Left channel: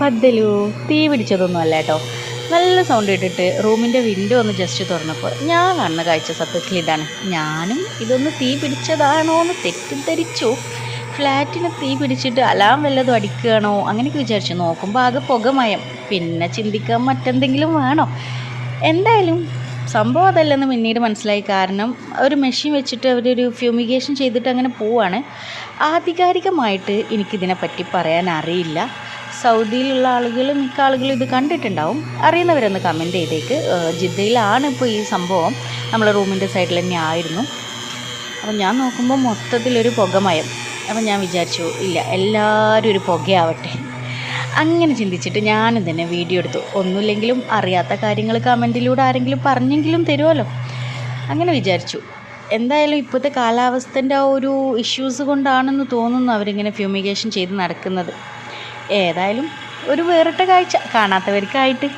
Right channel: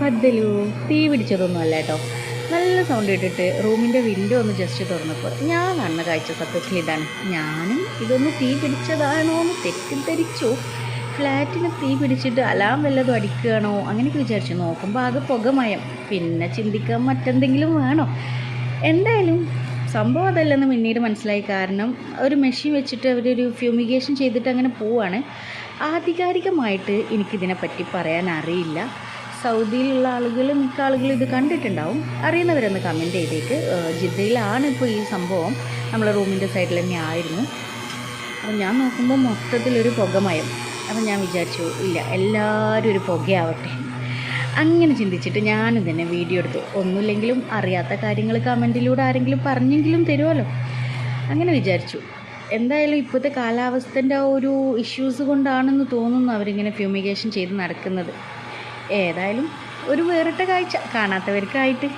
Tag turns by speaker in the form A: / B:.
A: പന്തലു തീ പിടിച്ചതൊന്നും അല്ല കേട്ടോ. നല്ല സൗണ്ട് ഇട്ടിട്ട് റൂമിന്റെ വിൻഡോ ഒന്ന് ജസ്റ്റ് തുറന്നപ്പോൾ ഞാൻ കാണുന്ന കാഴ്ച സത്യത്തിൽ ഇതാണ്. ഞാനും ഇതൊന്ന് തീ പിടിച്ചതാണോ എന്ന് തെറ്റിദ്ധരിച്ചു. ഫ്ലാറ്റിന് തീ പിടിച്ചിട്ട് അലാം വല്ലതും അടിക്കുകയാണോ? അങ്ങനെയൊക്കെ വിചാരിച്ചു. നോക്കുമ്പോൾ ആകെ പുകമയം പിന്നെ ചിന്തിക്കാൻ മറ്റെന്തെങ്കിലും വേണോ? എന്തായാലും സംഭവം അതല്ലെന്ന് പിന്നീട് മനസ്സിലായി. കാരണം ഒരു മെഷീൻ വെച്ചിട്ട് അവരൊരു ഫ്യൂമിഗേഷൻ ചെയ്തിട്ട് അങ്ങനെ പോവാണ്. ആധികാരികമായിട്ട് എനിക്കിതിനെപ്പറ്റി പറയാൻ അറിയില്ല. സൗദിയിലുള്ള ആളുകൾ മിക്ക ആളുകളും ഇത് കണ്ടിട്ടുണ്ടാവും. അറിയുന്നവരൊന്ന് കമന്റ് ചെയ്തേക്ക്. ജിദ്ദയിലാണ് ഇപ്പോൾ ഈ സംഭവം. നമ്മളെ റൂമിന്റെ സൈഡിൽ തന്നെ ആയിരുന്നു. അപ്പം ഞാൻ നോക്കുമ്പോൾ മൊത്തത്തിലൊരു പുകമയം. അപ്പം ഞാൻ വിചാരിച്ചു ഇല്ല എല്ലാവരും ഒരു പുകയാവട്ടെ. അങ്ങനെ ചിന്തിച്ചിട്ട് ഞാനും തന്നെ വീഡിയോ എടുത്തു. ഒന്നുമില്ലെങ്കിലും അറിയാത്ത കാര്യങ്ങൾ കമന്റിലൂടെ ആരെങ്കിലും പറഞ്ഞെങ്കിലും തരുമല്ലോ അങ്ങനെ വിചാരിച്ചു. എന്തായാലും ഇപ്പോഴത്തെ കാലാവസ്ഥന്റെ ആ ഒരു ഇഷ്യൂസ് കൊണ്ടാണെന്ന് തോന്നുന്നു അവരിങ്ങനെ ഫ്യൂമിഗേഷൻ ചെയ്ത് നടക്കുന്നത്. ഏതായാലും ഒരു വേറിട്ട കാഴ്ച കാണാത്തവർക്കായിട്ട്